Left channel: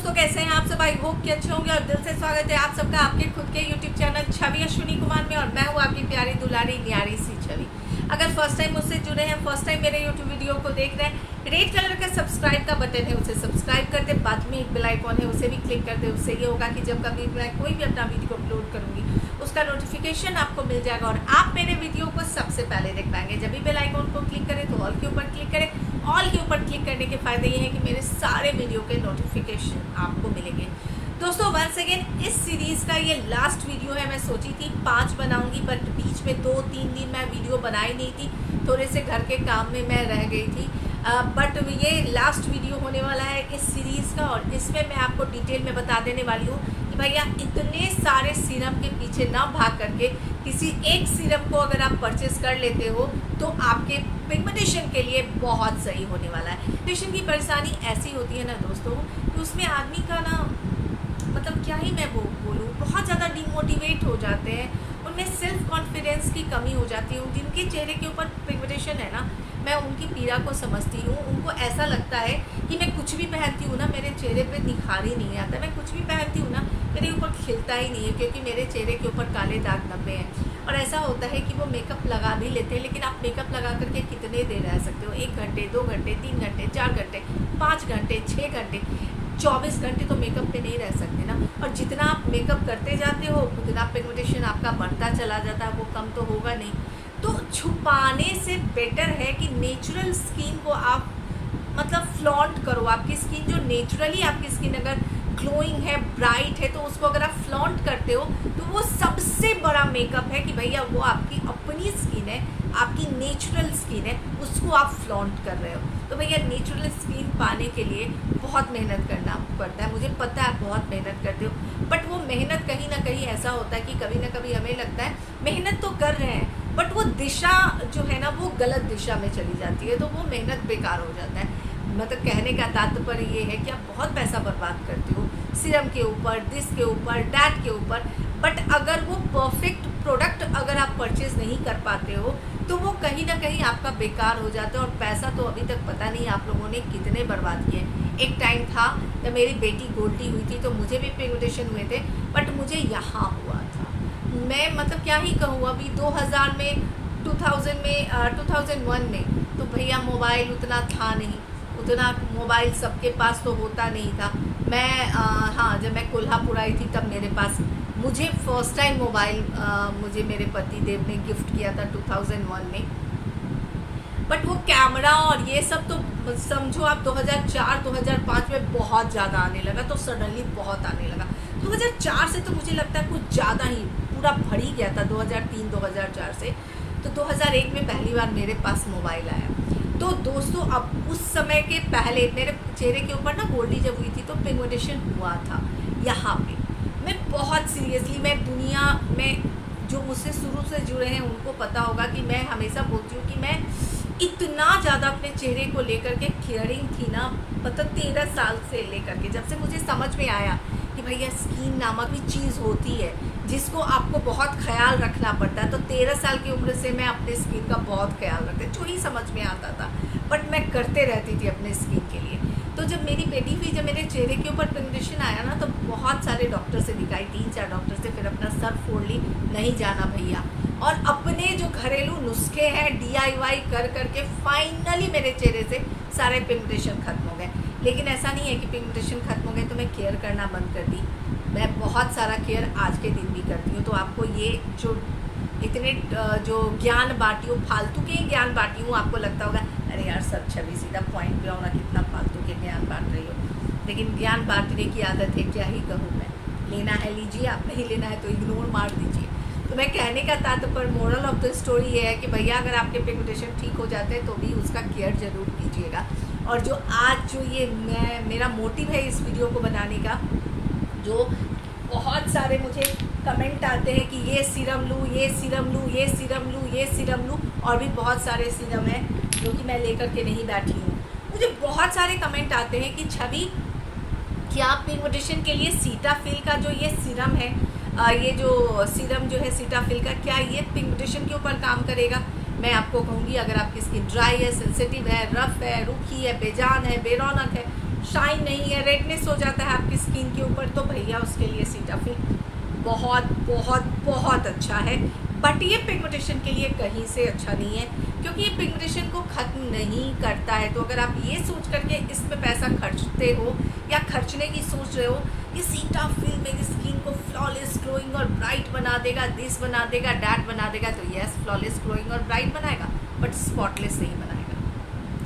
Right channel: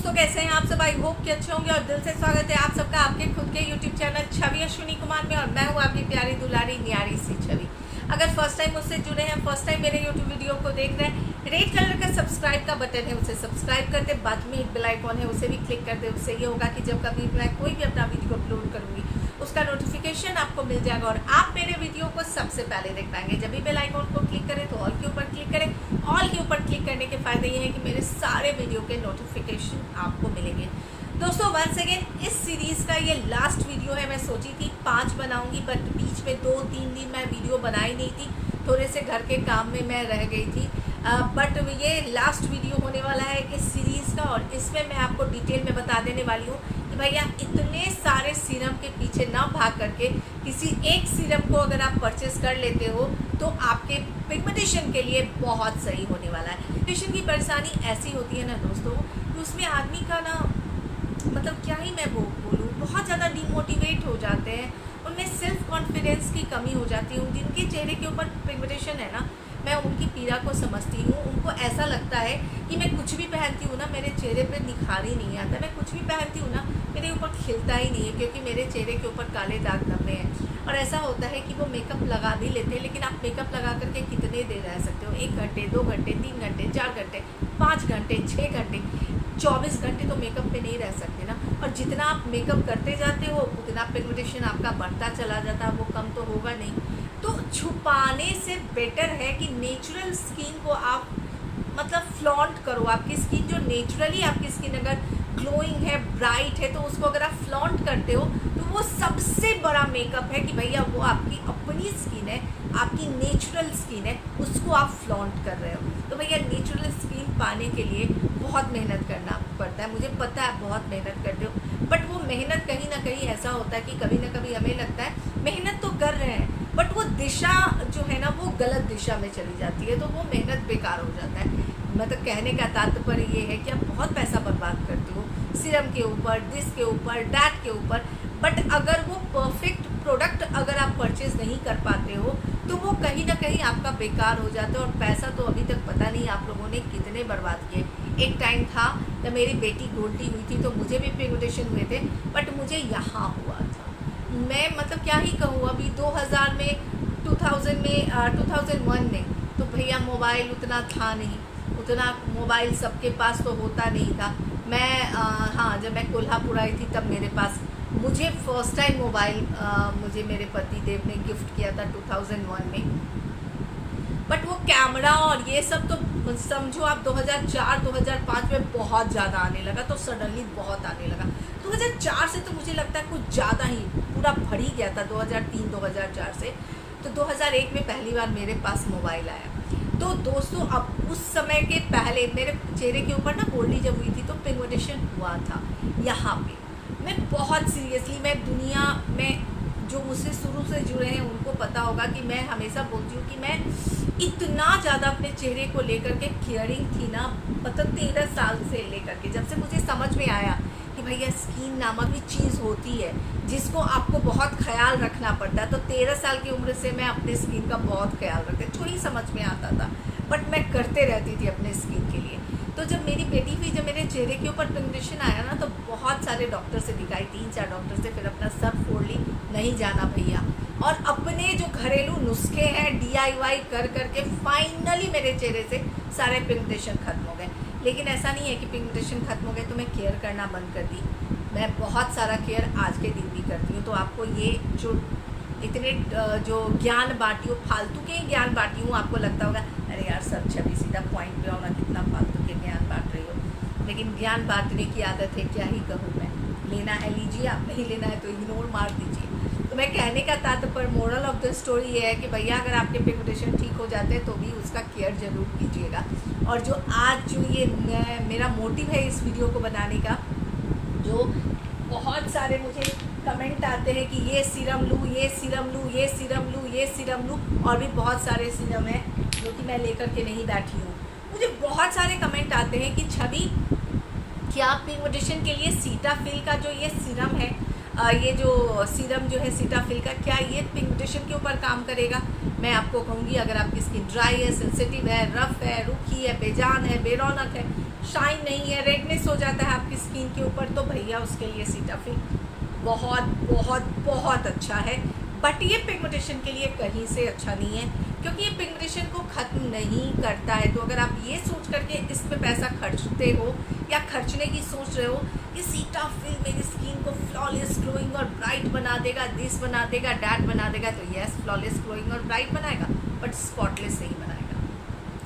दोस्तों, कैसे हैं आप सब? आई होप कि अच्छे होंगे और दिल से स्वागत है आप सबका आपके खुद के यूट्यूब चैनल छवि अश्विनी कुमार में। और मैं हूँ आपकी प्यारी दुलारी न्यारी सी छवि। अगर फर्स्ट टाइम मुझसे जुड़े हैं, फर्स्ट टाइम मेरे यूट्यूब वीडियो को देख रहे हैं, रेड कलर का सब्सक्राइब का बटन है, उसे सब्सक्राइब कर दे। बाद में एक बेल आइकॉन है, उसे भी क्लिक कर दे। उससे ये होगा कि जब कभी मैं कोई भी अपना वीडियो अपलोड करूंगी उसका नोटिफिकेशन आपको मिल जाएगा और आप मेरे वीडियो को सबसे पहले देख पाएंगे। जब भी बेल आइकॉन को क्लिक करें तो ऑल के ऊपर क्लिक करें। ऑल के ऊपर क्लिक करने के फायदे ये हैं कि मेरे सारे वीडियो के नोटिफिकेशन आपको मिलेंगे। दोस्तों, वंस अगेन इस सीरीज का ये लास्ट वीडियो है। मैं सोची थी 5 बनाऊंगी, बट बीच में 2-3 दिन मैं वीडियो बनाई नहीं थी, थोड़े से घर के काम में मैं रह गई थी। बट ये लास्ट वीडियो होने वाला है इस सीरीज़ का और इसमें मैं आपको डिटेल में बता देने वाली हूँ कि भैया इतने सारे सीरम के पीछे ना भाग करके किसी एक सीरम को अगर आप परचेस कर लेते हो तो आपके पिगमेंटेशन के लिए बहुत सही होने वाला है। पिगमेंटेशन की परेशानी ऐसी होती है ना दोस्तों कि उसमें आदमी का ना मतलब क्या ही मैं बोलूँ, बहुत ज़्यादा डिमोटिवेट हो जाते हैं, उनमें सेल्फ कॉन्फिडेंस की कमी हो जाती है। जिनके चेहरे के ऊपर पिगमेंटेशन है ना, मैं उनकी पीड़ा को समझती हूँ। उनको ऐसा लगता है कि मैं कुछ भी पहनती हूँ ना, मेरे चेहरे पे निखार ही नहीं आता। मैं कुछ भी पहनती हूँ ना, मेरे ऊपर खिलता ही नहीं है, क्योंकि मेरे चेहरे के ऊपर काले दाग धब्बे हैं। और ऐसा होता है कि वो मेकअप लगा भी लेते हैं, लेकिन आप मेकअप लगा करके कितने देर रह सकते हो? 1 घंटे, 2 घंटे, 3 घंटे, 4 घंटे, 5 घंटे, 6 घंटे, 24 घंटे तो मेकअप पे नहीं रह सकते ना। और जितना आप मेकअप करते जाते हो उतना पिगमेंटेशन आपका बढ़ता चला जाता है, वो कम तो होगा नहीं। तो छुपाने से बेटर है कि नेचुरल स्किन को आप मतलब फ्लॉन्ट करो। आपकी स्किन जो नेचुरली आपकी स्किन अगर ग्लोइंग है, ब्राइट है, तो उसको अगर आप फ्लॉन्ट करते हो तो वो सबसे बड़ा मेकअप है कि भैया वो आपकी अपनी स्किन है, आपकी नेचुरल स्किन है, उसको आप फ्लॉन्ट कर रहे हो। तो भैया नेचुरल स्किन पाने के लिए बहुत मेहनत करना पड़ता है, मुझे पता है बहुत मेहनत करते हो। बट वो मेहनत कहीं ना कहीं ऐसा होता है कि कभी ना कभी हमें लगता है मेहनत तो कर रहे हैं, बट वो दिशा जो है ना वो गलत दिशा में चली जाती है, तो वो मेहनत बेकार हो जाता है। मतलब कहने का तात्पर्य ये है कि आप बहुत पैसा बर्बाद करते हो सीरम के ऊपर, दिस के ऊपर, डैट के ऊपर, बट अगर वो परफेक्ट प्रोडक्ट अगर आप परचेज नहीं कर पाते हो तो वो कहीं ना कहीं आपका बेकार हो जाता है। और पैसा तो अभी तक पता नहीं आप लोगों ने कितने बर्बाद किए। एक टाइम था जब मेरी बेटी गोल्टी हुई थी तो मुझे भी पिगमेंटेशन हुए थे, बट मुझे यहाँ हुआ था। मैं मतलब क्या ही कहूँ, अभी 2000 में 2001 में तो भैया मोबाइल उतना था नहीं, उतना मोबाइल सबके पास तो होता नहीं था। मैं हाँ, जब मैं कोल्हापुर आई थी तब मेरे पास, मुझे फर्स्ट टाइम मोबाइल मुझे मेरे पति देव ने गिफ्ट किया था 2001 में। बट वो कैमरा और ये सब तो समझो आप 2004-2005 में बहुत ज़्यादा आने लगा, तो सडनली बहुत आने लगा। 2004 से तो मुझे लगता है कुछ ज़्यादा ही पूरा भर ही गया था 2003-2004 से। तो 2001 में पहली बार मेरे पास मोबाइल आया। तो दोस्तों, अब उस समय के पहले मेरे चेहरे के ऊपर ना गोल्डी जब हुई थी तो पिगमेंटेशन हुआ था यहाँ पे। मैं बहुत सीरियसली, मैं दुनिया में जो मुझसे शुरू से जुड़े हैं उनको पता होगा कि मैं हमेशा बोलती हूँ कि मैं इतना ज़्यादा अपने चेहरे को लेकर के केयरिंग थी ना, मतलब 13 साल से लेकर के, जब से मुझे समझ में आया कि भैया स्किन नामक भी चीज़ होती है जिसको आपको बहुत ख्याल रखना पड़ता है। तो 13 साल की उम्र से मैं अपने स्किन का बहुत ख्याल रखती, जो ही समझ में आता था, बट मैं करते रहती थी अपने स्किन के लिए। तो जब मेरी बेटी हुई, जब मेरे चेहरे के ऊपर पिगमेंटेशन आया ना, तो बहुत सारे डॉक्टर से दिखाई, 3-4 डॉक्टर से, फिर अपना सर फोड़ ली, नहीं जाना भैया। और अपने जो घरेलू नुस्खे हैं DIY कर करके फाइनली मेरे चेहरे से सारे पिगमेंटेशन खत्म हो गए। लेकिन ऐसा नहीं है कि पिगमेंटेशन खत्म हो गए तो मैं केयर करना बंद कर दी। मैं बहुत सारा केयर आज के दिन भी करती हूँ। तो आपको ये जो इतने जो ज्ञान बांटी हूँ, फालतू के ज्ञान बांटी हूँ, आपको लगता होगा अरे यार सब छवि सीधा पॉइंट पे आओ ना, कितना फालतू के ज्ञान बांट रही हो। लेकिन ज्ञान बांटने की आदत है, क्या ही कहूँ मैं। लेना है लीजिए, आप नहीं लेना है तो इग्नोर मार दीजिए। तो मैं कहने का तात्पर्य, मोरल ऑफ द स्टोरी ये है कि भैया अगर आपके पिगमेंटेशन ठीक हो जाते हैं तो भी उसका केयर जरूर कीजिएगा। और जो आज जो ये मेरा मोटिव है इस वीडियो को बनाने का, जो बहुत सारे मुझे कमेंट आते हैं कि ये सीरम लूँ, ये सीरम लूँ, ये सीरम लूँ, ये सीरम लूँ, और भी बहुत सारे सीरम हैं जो कि मैं लेकर के नहीं बैठी हूँ। मुझे बहुत सारे कमेंट आते हैं कि छवि क्या पिगमेंटेशन के लिए सीटाफिल का जो ये सीरम है, ये जो सीरम जो है सीटाफिल का, क्या ये पिगमेंटेशन के ऊपर काम करेगा? मैं आपको कहूँगी अगर आपकी स्किन ड्राई है, सेंसिटिव है, रफ है, रूखी है, बेजान है, बेरौनक है, शाइन नहीं है, रेडनेस हो जाता है आपकी स्किन के ऊपर, तो भैया उसके लिए सीटाफिल बहुत बहुत बहुत अच्छा है। बट ये पिगमेंटेशन के लिए कहीं से अच्छा नहीं है, क्योंकि ये पिगमेंटेशन को ख़त्म नहीं करता है। तो अगर आप ये सोच करके इस पे पैसा खर्चते हो या खर्चने की सोच रहे हो कि सीटाफिल मेरी स्किन को फ्लॉलेस ग्लोइंग और ब्राइट बना देगा, दिस बना देगा, डैट बना देगा, तो यस फ्लॉलेस ग्लोइंग और ब्राइट बनाएगा, बट स्पॉटलेस नहीं बनाएगा,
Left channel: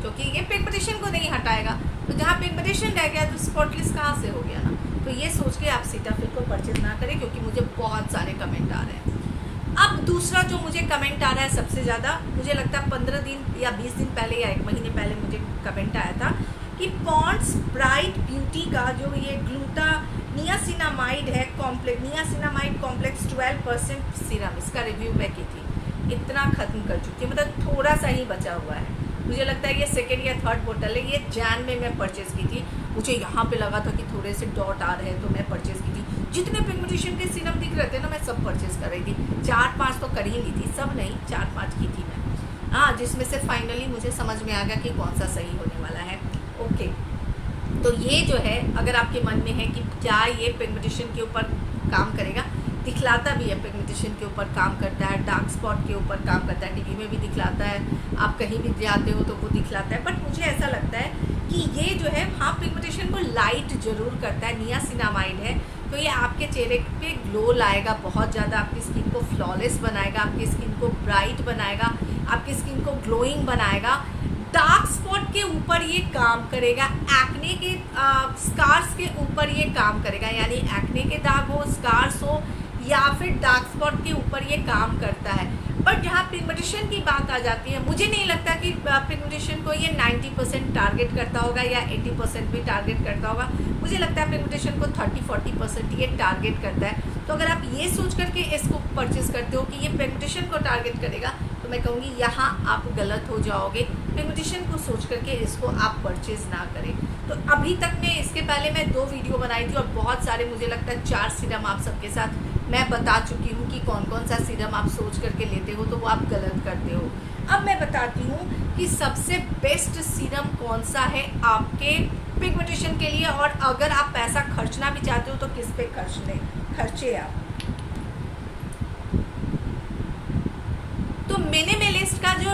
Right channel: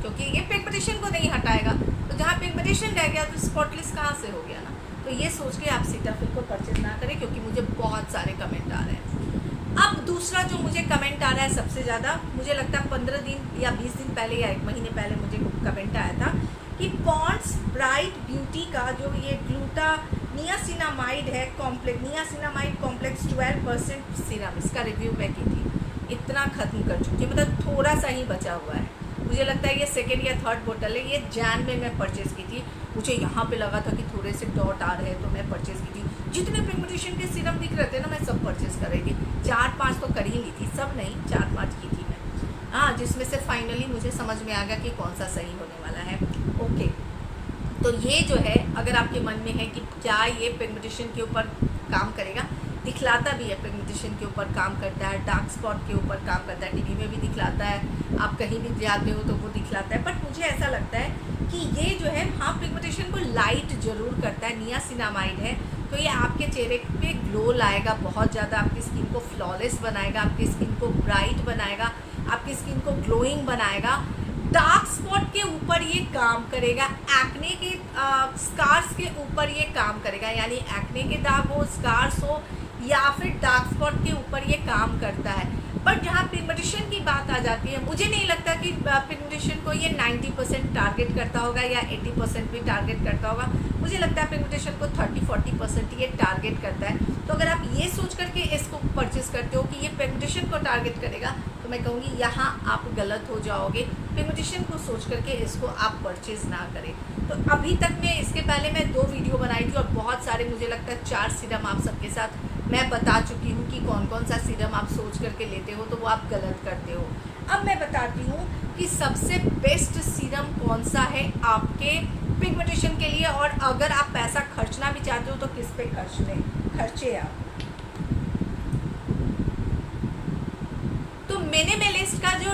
क्योंकि ये पिगमेंटेशन को नहीं हटाएगा। तो जहाँ पिगमेंटेशन रह गया तो स्पॉटलेस कहाँ से हो गया ना। तो ये सोच के आप सीटाफिल को परचेज ना करें, क्योंकि मुझे बहुत सारे कमेंट आ रहे हैं। अब दूसरा जो मुझे कमेंट आ रहा है सबसे ज़्यादा, मुझे लगता है 15 दिन या 20 दिन पहले या 1 महीने पहले मुझे कमेंट आया था कि पॉन्ड्स ब्राइट ब्यूटी का जो ये ग्लूटा नियासिनामाइड है, नियासिनामाइड कॉम्प्लेक्स 12% सीरम, इसका रिव्यू मैं की थी। इतना ख़त्म कर चुकी हूँ, मतलब थोड़ा सा ही बचा हुआ है। मुझे लगता है ये 2nd या 3rd बोतल है। ये जैन में मैं परचेज़ की थी। मुझे यहाँ पे लगा था कि थोड़े से डॉट आ रहे हैं, तो मैं परचेज़ की थी। जितने पिगमेंटेशन के सीरम दिख रहे थे ना, मैं सब परचेज़ कर रही थी। 4-5 तो कर ही ली थी, सब नहीं 4-5 की थी मैं। हाँ, जिसमें से फाइनली मुझे समझ में आ गया कि कौन सा सही होने वाला है। ओके, तो ये जो है, अगर आपके मन में है कि क्या ये पिगमेंटेशन के ऊपर काम करेगा, दिखलाता भी है, पिगमेंटेशन के ऊपर काम करता है, डार्क स्पॉट के ऊपर काम करता है, टीवी में भी दिखलाता है, आप कहीं भी जाते हो तो वो दिखलाता है। बट मुझे ऐसा लगता है कि ये जो है, हाँ पिगमेंटेशन को लाइट जरूर करता है, नियासिनामाइड है, तो ये आपके चेहरे पे ग्लो लाएगा बहुत ज़्यादा, आपकी स्किन को फ्लॉलेस बनाएगा, आपकी स्किन को ब्राइट बनाएगा, आपकी स्किन को ग्लोइंग बनाएगा, डार्क स्पॉट के ऊपर ये काम करेगा, एक्ने के स्कार्स के ऊपर ये काम करेगा, यानी एक्ने के दाग हो, स्कार्स हो, या फिर डार्क स्पॉट के ऊपर ये काम करता है। बट जहाँ पिगमेंटेशन की बात आ जाती है, मुझे नहीं लगता कि पिगमेंटेशन को ये 90% टारगेट करता होगा या 80% भी टारगेट करता होगा। मुझे लगता है पिगमेंटेशन को 30-40% ये टारगेट करता है। तो अगर आप ये सोच करके इसको परचेज करते हो कि ये पिगमेंटेशन को टारगेट करेगा, तो मैं कहूँगी यहाँ आप गलत हो जाओगे। पिगमेंटेशन को सोच करके इसको आप परचेज ना करें। तो अभी तक मैं, इसके पहले मैं 2 वीडियो बनाई थी और बहुत सारे, मुझे लगता है 4 सीरम आप सबके साथ मैं बता चुकी हूँ कि कौन कौन सा सीरम आप सोच करके लेते हो, तो वो आप गलत करते हो। अब मैं बताती हूँ कि सबसे बेस्ट सीरम कौन सा है आपके पिगमेंटेशन के लिए, और अगर आप पैसा खर्चना भी चाहते हो तो किस पे खर्चे आप। तो मिनिमलिस्ट का जो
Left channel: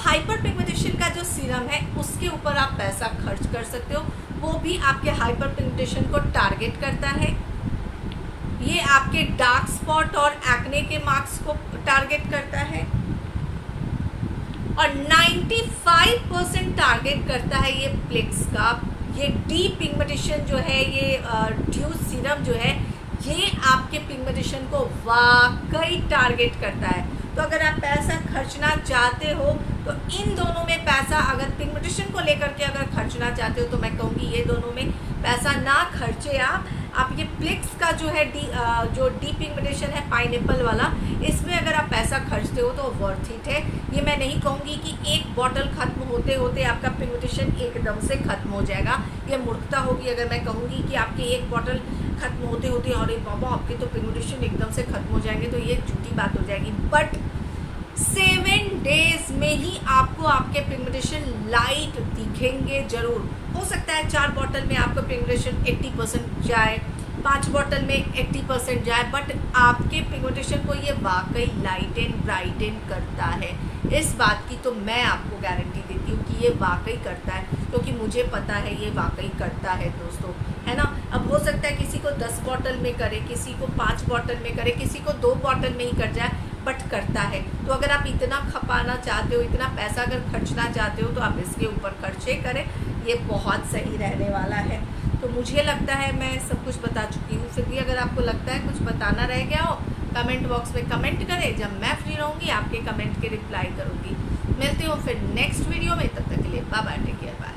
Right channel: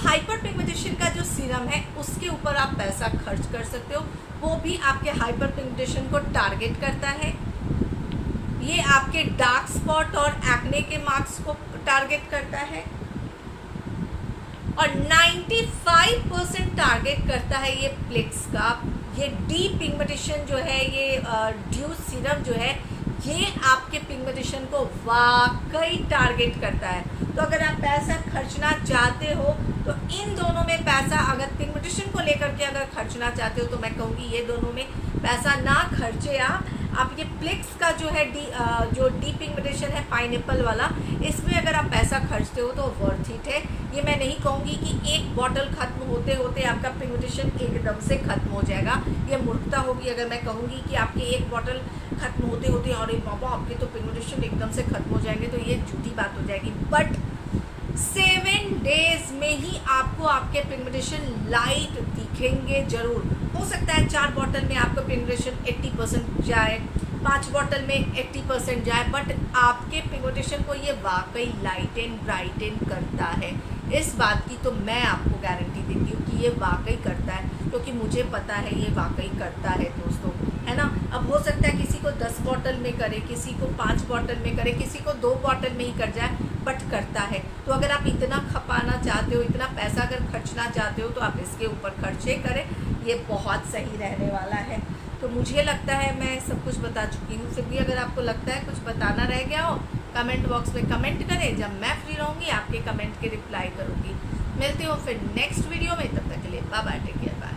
हाइपर पिगमेंटेशन का जो सीरम है, उसके ऊपर आप पैसा खर्च कर सकते हो। वो भी आपके हाइपर पिगमेंटेशन को टारगेट करता है। ये आपके डार्क स्पॉट और एक्ने के मार्क्स को टारगेट करता है, और 95% टारगेट करता है ये प्लेक्स का। ये डी पिगमेंटेशन जो है, ये ड्यूस सीरम जो है, ये आपके पिगमेंटेशन को वाकई टारगेट करता है। तो अगर आप पैसा खर्चना चाहते हो तो इन दोनों में पैसा, अगर पिगमेंटेशन को लेकर के अगर खर्चना चाहते हो तो मैं कहूँगी ये दोनों में पैसा ना खर्चे आप ये प्लेक्स का जो है जो डी पिगमेंटेशन है पाइनएप्पल वाला, इसमें अगर आप पैसा खर्चते हो तो वर्थ इट है। ये मैं नहीं कहूँगी कि एक बॉटल खत्म होते होते आपका पिगमेंटेशन एकदम से खत्म हो जाएगा, ये मूर्खता होगी अगर मैं कहूँगी कि आपके एक बॉटल खत्म होते होते अरे बाबा आपके तो पिगमेंटेशन एकदम से खत्म हो जाएंगे, तो ये झूठी बात हो जाएगी। बट 7 डेज में ही आपको आपके पिगमेंटेशन लाइट दिखेंगे जरूर। हो सकता है 4 बॉटल में आपका पिगमेंटेशन 80% जाए, 5 बॉटल में 80% जाए, बट आपके पिगमेंटेशन को ये वाकई लाइटन ब्राइटन करता है। इस बात की तो मैं आपको गारंटी देती हूँ कि ये वाकई करता है, क्योंकि मुझे पता है ये वाकई करता है दोस्तों, है ना। अब हो सकता है किसी को 10 बॉटल में करे, किसी को 5 बॉटल में करे, किसी को 2 बॉटल में ही कर जाए, बट करता है। तो अगर आप इतना खपाना चाहते हो, इतना पैसा अगर खर्चना चाहते हो, तो आप इसके ऊपर खर्चे करें, ये बहुत सही रहने वाला है। तो मुझे लगता है मैं सब कुछ बता चुकी हूँ। फिर भी अगर आपको लगता है कुछ बताना रह गया हो, कमेंट बॉक्स में कमेंट करें। जब मैं फ्री रहूँगी आपके कमेंट के रिप्लाई करूँगी। मिलती हूँ फिर नेक्स्ट वीडियो में, तब तक के लिए bye bye, take care, bye.